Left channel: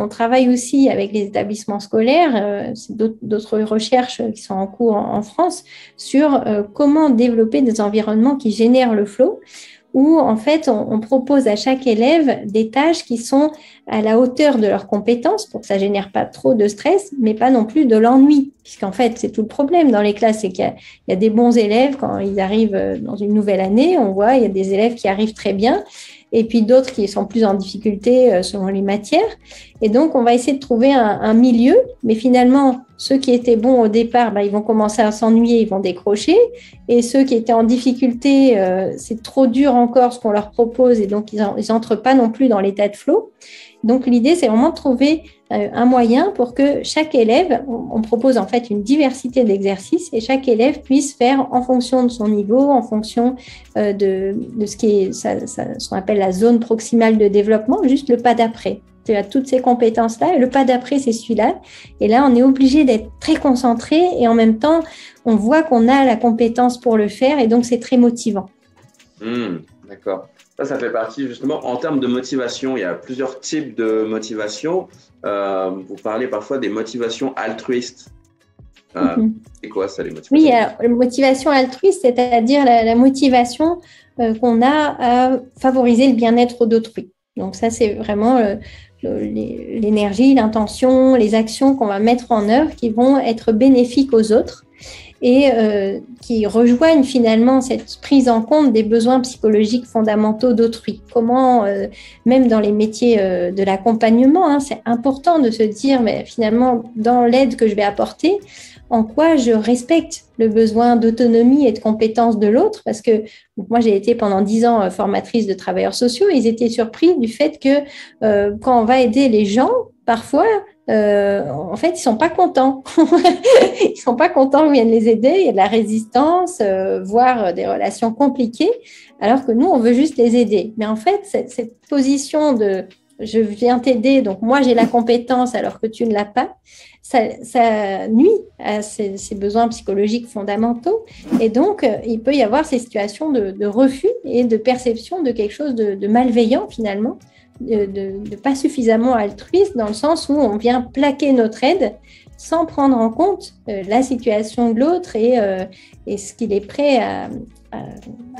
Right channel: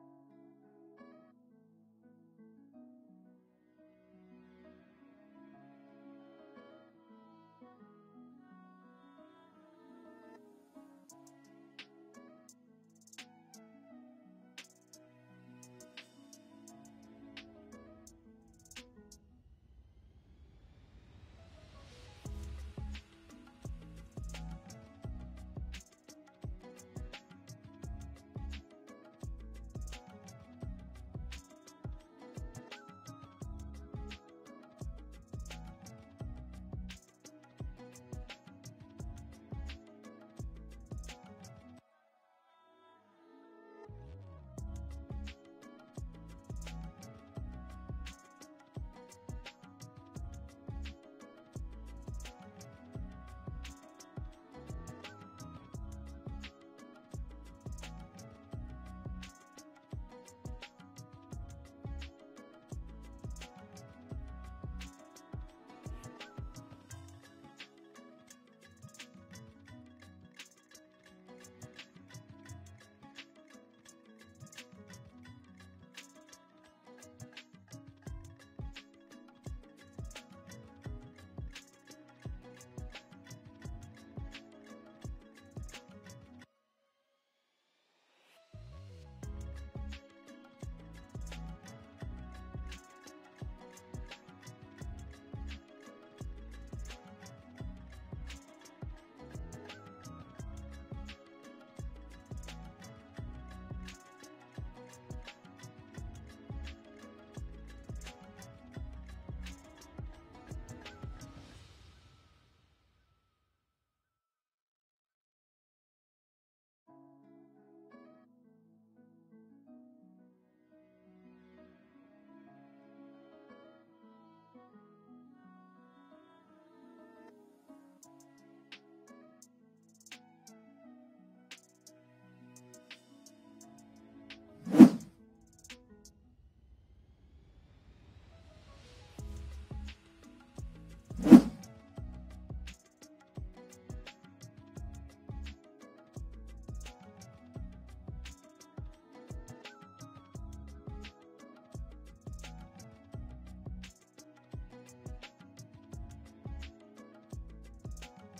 on travaille aussi avec les établissements scolaires, c'est d'autres recherches qui sont en cours en France, sur comment développer des environnements qui génèrent le flow, où en fait on propose à chaque élève des tâches qui sont à la hauteur de leurs compétences pour que ça ne génère pas trop de stress, mais pas non plus de l'ennui. Puisqu'en fait, c'est tout le problème dans les classes, c'est qu'il y a des bons élèves quand ils arrivent dans une nouvelle année, on voit, il y a des élèves qui arrivent très bien, et puis d'autres qui sont plus en difficulté selon les matières. Et donc, on va essayer de trouver un milieu, mais finalement, ceux qui étaient bons au départ, ils vont commencer à s'ennuyer, ils vont décrocher. Et ceux qui étaient en difficulté, c'est trop dur encore ce qu'on leur propose, et donc ils n'entrent pas non plus dans l'état de flow. Donc, l'idée, c'est vraiment de trouver un moyen pour que chaque élève, on propose en fait une diversité d'exercices et chaque élève puisse faire en fonction de son niveau, en fonction de ce qu'on appelle la zone proximale de développement, juste le pas d'après. Tu as toutes ces compétences-là et le pas d'après, c'est celui-là. Et là, on est obligé d'être très concentré et en même temps, on voit qu'on a la compétence pour le faire et donc c'est très motivant. D'accord. Ça fait partie justement, en termes de motivation, il y a plusieurs types de motivation. Vous parlez parfois des motivations altruistes. C'est quoi ça, les motivations? Oui, alors, la motivation altruiste, c'est-à-dire la motivation qu'on a à favoriser le bien-être d'autrui. Donc ça, c'est vraiment l'énergie, l'intention, les actions qu'on va mettre en œuvre qui vont être bénéfiques aux autres et qui rejoignent finalement cette prise en compte des besoins psychologiques fondamentaux d'autrui. Comment, même dans les métiers de l'accompagnement, c'est important de se dire, mais finalement, dans l'aide que je vais apporter, en quoi je respecte le besoin d'autonomie et de compétence de l'autre, parce que moi, j'ai été pendant 10 ans formatrice de travailleurs sociaux, et ils étaient surpris du fait que quand on va aider les gens, parfois, en fait, ils ne sont pas contents. Ils ne sont pas contents qu'on vienne les aider, il y a de la résistance, voire des relations compliquées, alors que nous, on veut juste les aider. Mais en fait, cette position de « je viens t'aider, donc moi, j'ai la compétence alors que tu ne l'as pas », ça nuit à ces besoins psychologiques fondamentaux. Et donc, il peut y avoir ces situations de refus et de perception de quelque chose de malveillant finalement, de pas suffisamment altruiste, dans le sens où on vient plaquer notre aide sans prendre en compte la situation de l'autre et ce qu'il est prêt à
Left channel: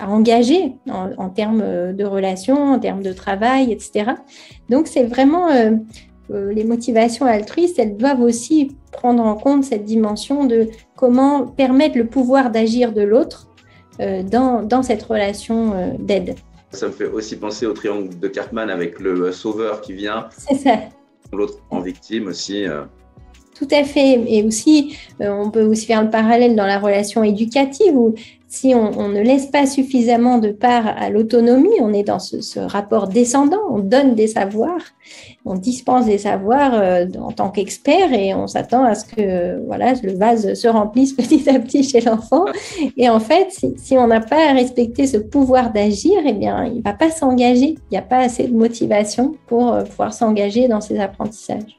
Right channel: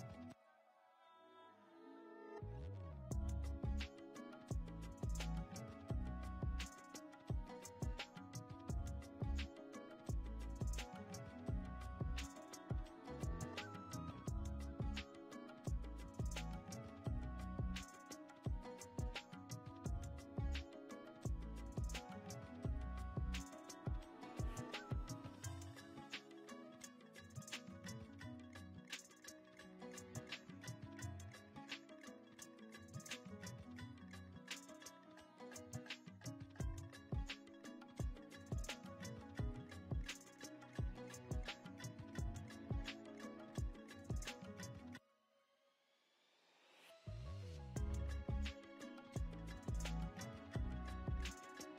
engager en termes de relations, en termes de travail, etc. Donc, c'est vraiment... les motivations altruistes, elles doivent aussi prendre en compte cette dimension de comment permettre le pouvoir d'agir de l'autre dans cette relation d'aide. Ça me fait aussi penser au triangle de Cartman avec le sauveur qui vient, c'est ça, l'autre en victime aussi. Tout à fait. Et aussi, on peut aussi faire le parallèle dans la relation éducative où si on ne laisse pas suffisamment de part à l'autonomie, on est dans ce rapport descendant, on donne des savoirs, on dispense des savoirs en tant qu'expert et on s'attend à ce que voilà, le vase se remplisse petit à petit chez l'enfant. Et en fait, si on n'a pas respecté ce pouvoir d'agir, eh bien, il ne va pas s'engager. Il n'y a pas assez de motivation pour pouvoir s'engager dans ces apprentissages.